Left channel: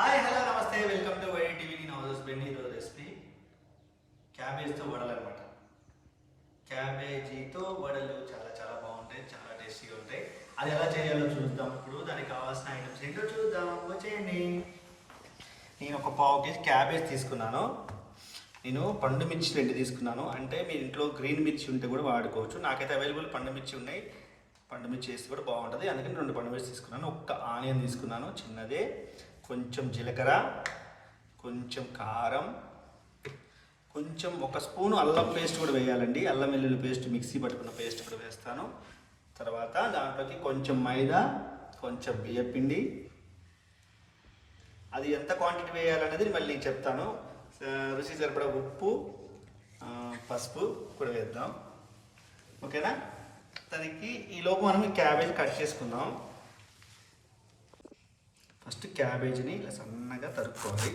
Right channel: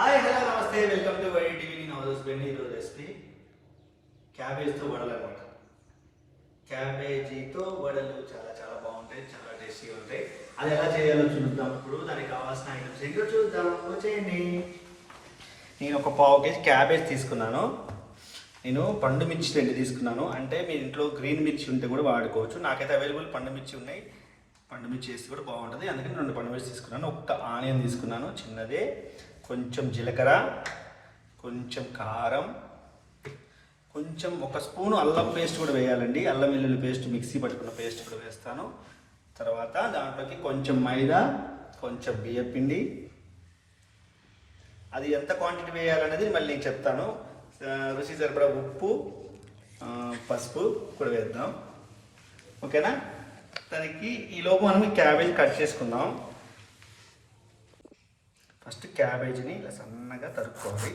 Hi hello నమస్తే. Welcome to Y TV. నేను అవరోజు బెండి ఈరోజు రెసిపీ క్యాబేజ్తో వడలు అనమాట క్యాబేజీతో వడలు చాలా చాలా బాగుంటాయి. చాలా టేస్టీగా ఉంటాయి. అది ఎలా చేయాలో చూద్దాం ఇప్పుడు. దానికి కావాల్సిన ఐటమ్స్ ఏంటో చూద్దాం. వచ్చేయండి నేను ఒక పావు కేజీ క్యాబేజ్ తీసుకున్నాను. నేను పండు మిర్చి రెండు తీసుకున్నాను. అంటే మీ ఇంట్లో గ్రీన్ మిర్చి ఉంటే కూడా వాడుకోవచ్చు. నాకైతే అవైలబుల్ పండు మిర్చి ఉన్నాయి. పండు మిర్చి వేస్తే కూడా బాగుంటుంది. అందుకని రెండు పండు మిర్చి తీసుకున్నాను. ఒక్క ఆనియన్ తీసుకున్నాను. చిన్నదే. కొంచెం జీలకర్ర కొంచెం కారం కొంచెం ఒక స్పూన్ అల్లం పేస్ట్ కూడా వేయాలండి. అల్లం వెల్లుల్లి పేస్ట్ మిక్సీ పట్టుకున్న పేస్ట్ కూడా వేస్తాను. తర్వాత దాంట్లోకి కొంచెం మైదా కొంచెం బియ్యం పిండి అది ఎంత క్వాంటిటీ వేయాలనేది మళ్ళీ చెప్తాను. రుచి సరిపడా ఉప్పు పసుపు కూడా వేద్దాం. ఓకేనా? దానికి ఈ మనం క్యాబేజ్ కట్ చేసుకుందాం. ఫస్ట్ క్యాబేజీని ఇలా సన్నగా తరుక్కోవాలి.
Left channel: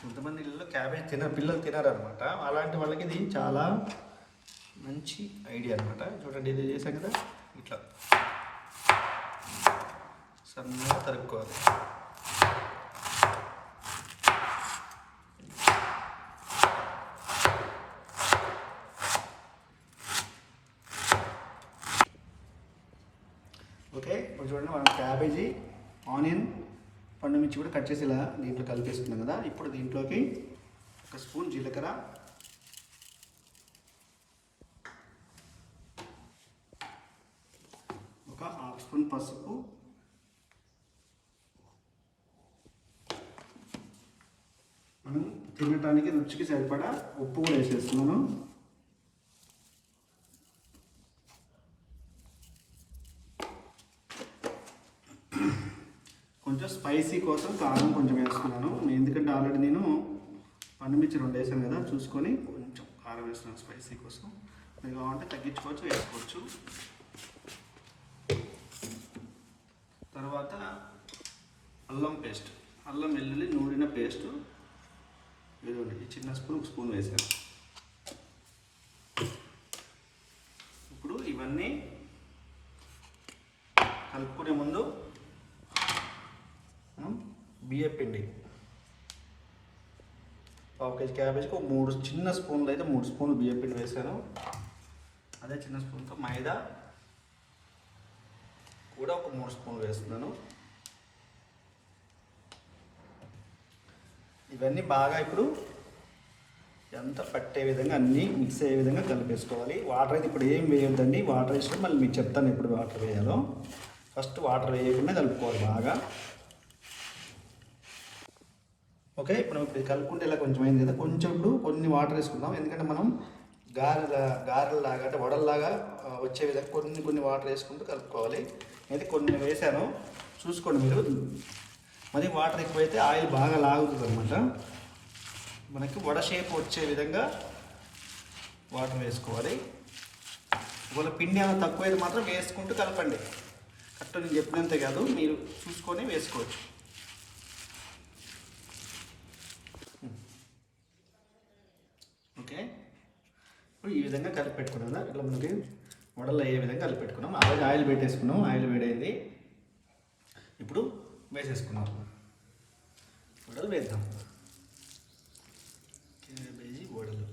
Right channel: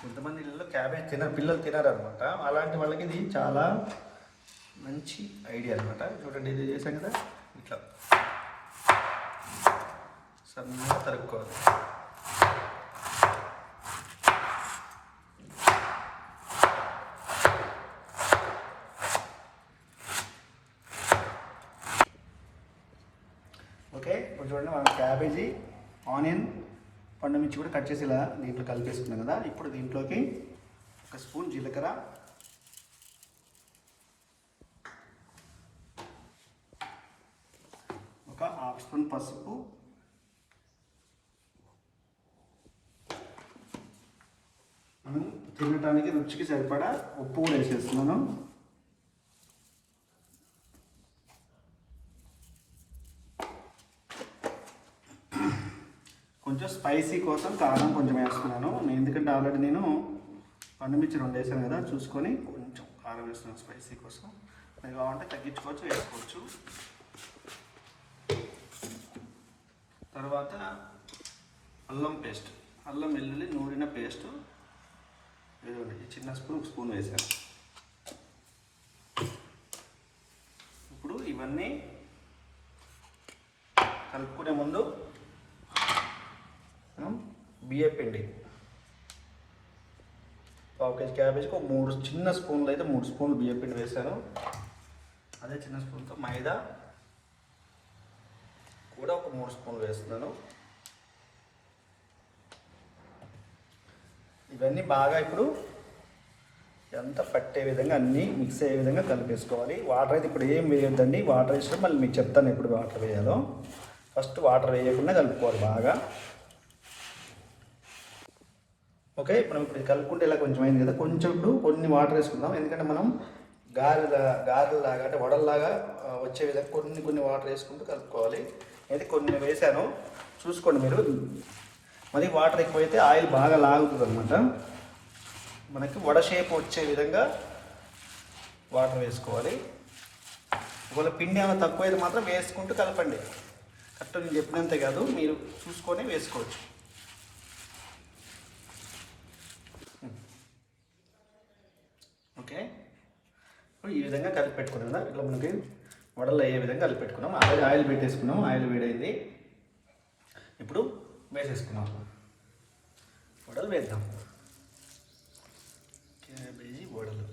కొంతమంది ఇళ్ళలో క్యాబేజ్ తినరు పిల్లలు తినరు అనమాట అలాంటి వాళ్ళకి ఇది చాలా మంచి ఐడియా అనమాట చూడండి ఇది చేసాం కదా ఇట్లా సన్నగా తరుక్కోవాలి ఓకే ఇప్పుడు చూడండి మనం క్యాబేజీ ఆనియన్ పండు మిర్చి కూడా కట్ చేసి ఇలా దీంట్లో కలిపేసుకున్నాం కదా. ఇప్పుడు దీంట్లోకి ఒక స్పూన్ జీలకర్ర. ఒక హాఫ్ స్పూన్ పసుపు. మనం తినటానికి రుచికి సరిపడా ఉప్పు కూడా వేసేస్తున్నాను కొంచెం స్పైసీ కోసం కారం కొంచెం వేసుకున్నాను ఎందుకంటే ఆల్రెడీ నేను పండుమిర్చి రెండు వేసాను కదా చూసుకొని కొంచెం కారం వేస్తున్నాను స్పైసీ కోసం. మీరు కావాలంటే తగ్గించుకోవచ్చు వేసుకోవచ్చు. తర్వాత అల్లం పేస్ట్. అల్లం వెల్లుల్లి నూనెన పేస్ట్. ఇదిగోండి చిన్న స్పూన్ ఒక స్పూన్ వేసాను. ఇప్పుడు ఇవన్నీ కలుపుకునే ముందు బియ్య పిండి. పావు కేజీ క్యాబేజ్కి ఒక మూడు చిన్న స్పూన్లు అయితే మూడు స్పూన్లు బియ్య పిండి వేసాను అదే చిన్న స్పూన్తో మైదా కూడా ఒక మూడు స్పూన్లు వేస్తున్నాను. ఇవన్నీ బాగా ఇప్పుడు ఎంత పట్టే విధంగా అన్నీ మిక్స్ అయ్యే విధంగా కలిపేసుకోవాలి. వాటర్ అయితే ఇప్పుడు ఏం వేయొద్దండి. వాటర్ వేసినా మళ్ళీ మీకు చెప్తాను ఎప్పుడు వాటర్ వేయాలో. ఫస్ట్ వాటర్ వేయకుండా కలుపుకోవాలి బాగా. ఓకే మనం ఇప్పుడు కలుపుకుంటే ఇలా కొంచెం అయింది కదా. కొంచెం ఇప్పుడు కొన్ని వాటర్ వేసుకుందాం. ఎందుకంటే మనం గారెల గారెలాగా అంటే వడల్లాగా వచ్చే విధంగా కొన్ని కొన్ని వాటర్ వేసుకుంటూ కలుపుకోవాలి. అయితే కొన్ని వేసాను. చూసుకోండి మీరు. మరి వాటర్ ఎక్కువైతే ఆయిల్ బాగా లాగుతుంది అనమాట మనకి వడ షేప్ వచ్చే విధంగా వాటర్ వేసుకోవాలి. ఒకవేళ పిండి ఏమైనా తక్కువైతే మాత్రం వేసుకుంటూ కలపండి. కరెక్ట్ నేను చెప్పినంతే కాదు. మీరు చూసుకొని వేసుకోవచ్చు. ఓకే? ఇప్పుడు ఈ విధంగా కలిపి పెట్టుకున్నాం కదా ఇట్లా మనకి వడలు అయ్యే విధంగా కలిపి పెట్టుకున్నాం. ఆయిల్ ఆయిల్ పెట్టేసుకున్నాం ఆయిల్ వేడైంది. ఇప్పుడు వేసేసుకున్నాం. వడలు వేద్దాం. క్యాబేజీ వడలు.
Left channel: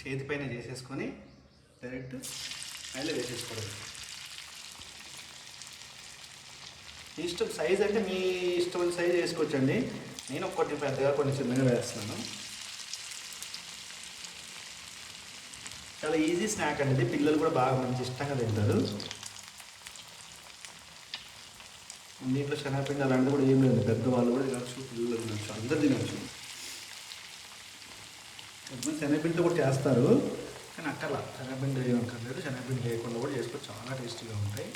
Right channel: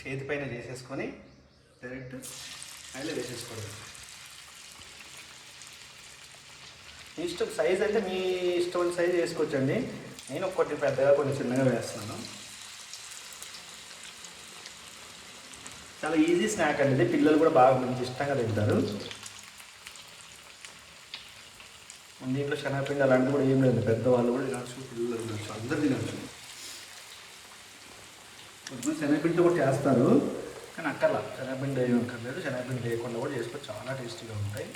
చేతిపైన చేసేసుకొని డైరెక్ట్ ఆయిల్ వేసేసుకోవడం. మీ ఇష్టం సైజ్ అంటే మీ ఇష్టమైన సైజ్ వేసుకోవచ్చండి. నేను ఒక్కటి పెద్దగా కొన్ని చిన్నగా వేస్తున్నాను. చాలా ఈజీ స్నాక్ అండి ఇది. పిల్లలు కూడా బాగా మంచి ఇష్టంగా తింటారు. దీంట్లో శనగపిండి అలాంటివి కూడా ఏం లేదు. పెద్దవాళ్ళు కూడా తినచ్చు పిల్లలు తినచ్చు అందరు తినచ్చు. కొంతమంది శనగపిండితో కూడా చేస్తారు కానీ అక్కర్లా. శనగపిండి ఏమి అక్కర్లేదు. శనగపిండి లేకుండా కూడా చేసుకోవచ్చు. చాలా టేస్టీగా ఉంటాయి.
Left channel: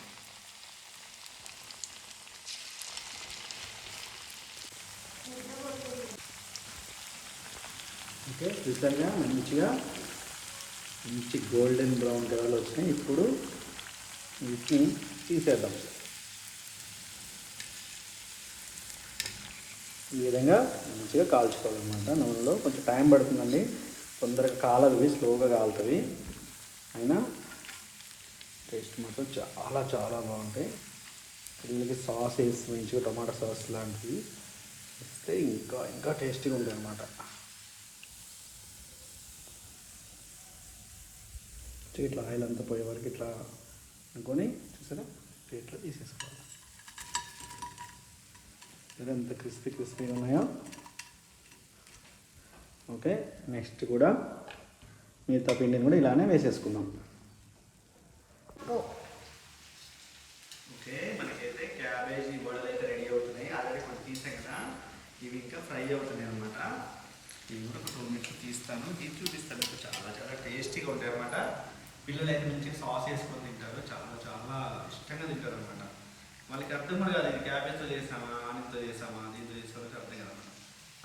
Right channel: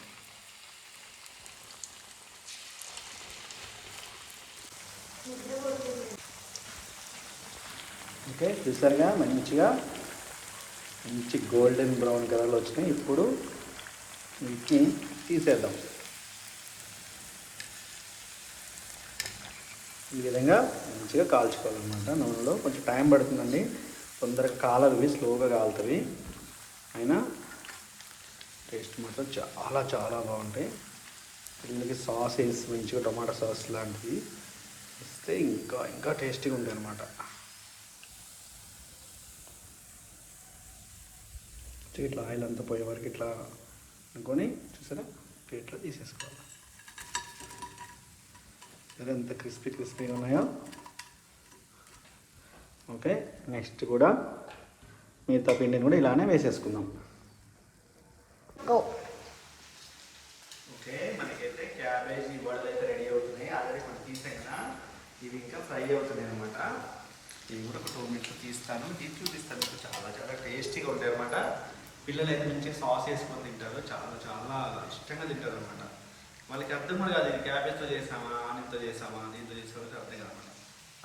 ఓకే చూసారుగా మంచిగా మంచి గోల్డెన్ బ్రౌన్ కలర్లో వచ్చినాయి ఇప్పుడు వీటిని తీసేద్దాం. ఈ విధంగా మంచిగా కాల్చుకోవాలన్నమాట నూనెలో కొంచెం టైం పడుతుందండి. తొందరగా కాలవి స్లోగా కాలుతుంది. అయినా టేస్ట్ మాత్రం చాలా చాలా బాగుంటాయి. పిల్లలకి సాస్ వేసి మంచిగా టమాటా సాస్ లాంటివి. ఇస్తే ఇంకా ఇంకా టేస్టీగా ఉంటుంది అన్నమాట ఇట్లా ఆయిల్ అంతా పోయే వరకు ఇట్లా అనుకొని చూసారా? ఇట్లా తీసేసుకోవాలి. అదే ఎంత క్రిస్పీ క్రిస్పీగా ఉన్నాయో. ఓకే నెక్స్ట్ కూడా మిగతా పిండిని కూడా ఇలానే వేసేసుకుందాం. ఓకే మనకైతే క్యాబేజీ వడలు అయితే రెడీ అవుతున్నాయి. ఆల్రెడీ కొన్ని తీసాం కదా. ఇవి ఇంకా ఫ్రై అవుతున్నాయి అనమాట ఇవి కూడా ఒక టూ మినిట్స్ తీస్తాను. తీసి చూపిస్తాను. చాలా చాలా టేస్టీగా ఉంటాయి అనమాట పిల్లలు అయితే మంచిగా సాస్ వేసుకొని తింటారు. చాలా చాలా ఇష్టంగా తింటారు అనమాట వాళ్ళకి అర్థం కూడా కాదు ఇది క్యాబేజ్తో చేసామా ఆనితో చేసామా దీంతో చేసామా అర్థం కాదనమాట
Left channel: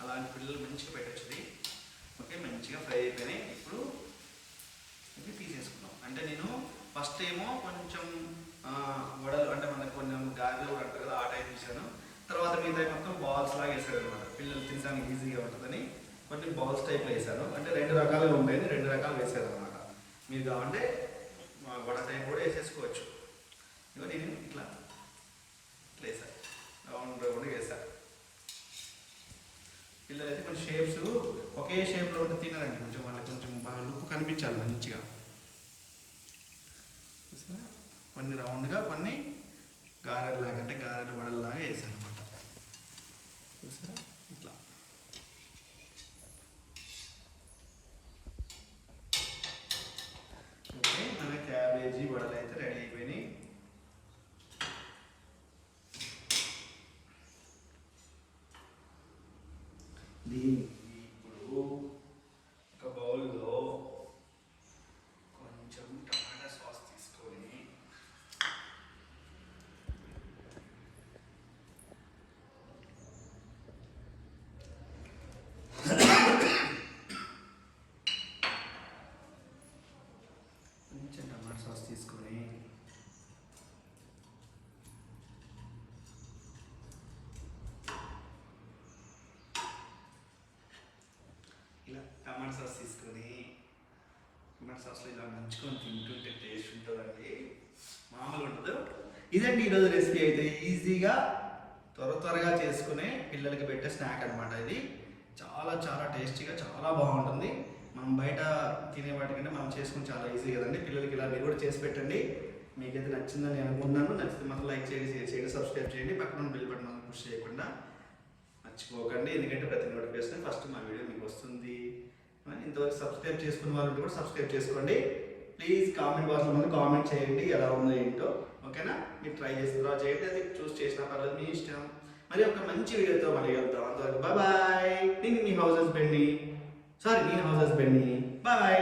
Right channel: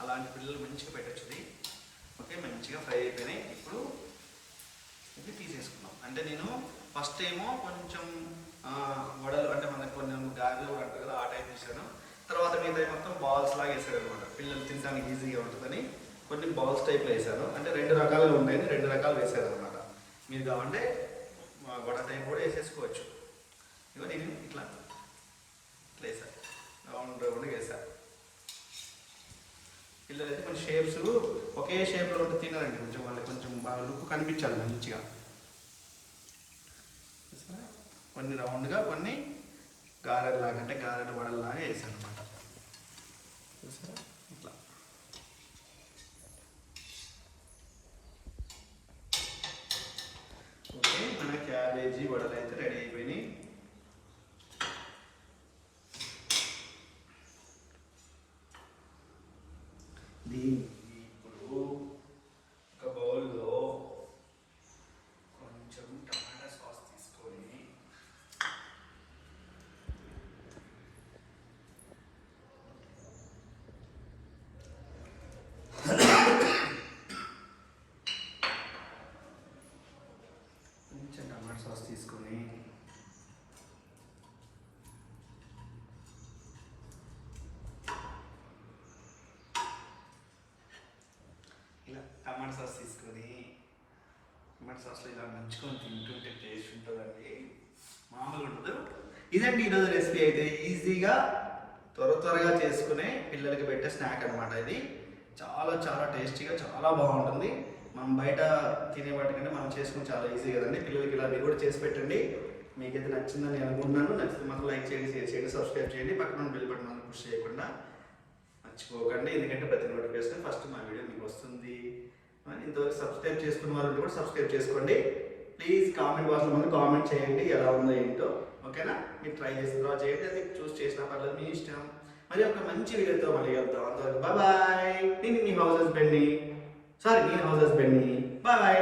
అలాంటి పిల్లలు మంచిగా పెట్టచ్చుది. ఓకే మంచిగా ఫ్రై అయిపోయినాయి. ఇప్పుడు ఇవి తీసేసుకున్నాం అంటే నేను ఫస్ట్ ఏమో కొంచెం వడలు అంటే మనకు కొన్ని గారెలు కూడా అంటారు కదా ఆ టైప్ వేసాను తర్వాత మిగతా మొత్తం బాల్స్ లాగా వేసాడు అనమాట పిల్లలు తినడానికి ఈజీగా ఉంటుందని కొన్ని బాల్స్ టైప్లో వేసాను. అంటే రెండు రకాలుగా ఉన్నాయని రెండు రకాలు వేసాను అనమాట మీరు కావాలంటే మా వడ టైం కూడా వేసేసుకోవచ్చు. ఇగో నేను ఇట్లా. ఇట్లా వేసా. రౌండ్ రౌండ్ వేసాను పిల్లలు అయితే కొన్ని షేప్స్ ఒకే షేప్లో ఉంటే తినరండి. కొంచెం వాళ్ళకి కొంచెం బాగా లుక్ కనిపించాలి మంచిగా. కొన్ని రౌండ్గా కొన్ని గారెలాగా అంటే గారెలు వడల్లాగా వేసాను అనమాట being టమాటా సాస్ తీసుకొని టమాటా సాస్లో ఇలా నంచుకొని తింటుంటే టేస్ట్ ఉంటుందండి. మామూలుగా ఉండదు. ఇదండి ఈరోజు రెసిపీ అయితే ఈజీగా త్వర త్వరగా చేసుకునే పిల్లలకి పెట్టే స్నాక్ అనమాట ఇది. చాలా చాలా టేస్టీగా చాలా బాగుంటుంది. మనం బయట తినే వాటికంటే మనం చేసుకుని చాలా ఈజీ కదండి. పిల్లలకి ఇలా మీరు కూడా చేసి పెట్టండి. మీకైతే నచ్చిందని అనుకున్నాను నచ్చితే మాత్రం లైక్ చేయండి షేర్ చేయండి సబ్స్క్రైబ్ చేయండి. పక్కన బెల్ బటన్ మనం పుష్ చేయకుండా మర్చిపోకండి. ఎందుకంటే ప్రతి నోటిఫికేషన్ ఫస్ట్ మా వీడియో మీకు వస్తుంది. ఇంతవరకు సబ్స్క్రైబ్ చేసుకున్న వాళ్ళు కూడా సబ్స్క్రైబ్ చేసుకోండి. ప్లీజ్ కామెంట్ బాక్స్లో ముందు కామెంట్ చేయండి ఎలా ఉందో ఏంటో. ఓకేనా మీరు ట్రై చేసి తర్వాత చేయండి అది చూస్ చేసినా పర్లేదు మీ ఇష్టం. మరి ఒక మంచి వీడియోతో మళ్ళీ వెళ్తాం అంతవరకు బాయ్ నేను మీ హౌస్ హస్బెండ్ని సారీ నేను హౌస్ హస్బెండ్ని బాయ్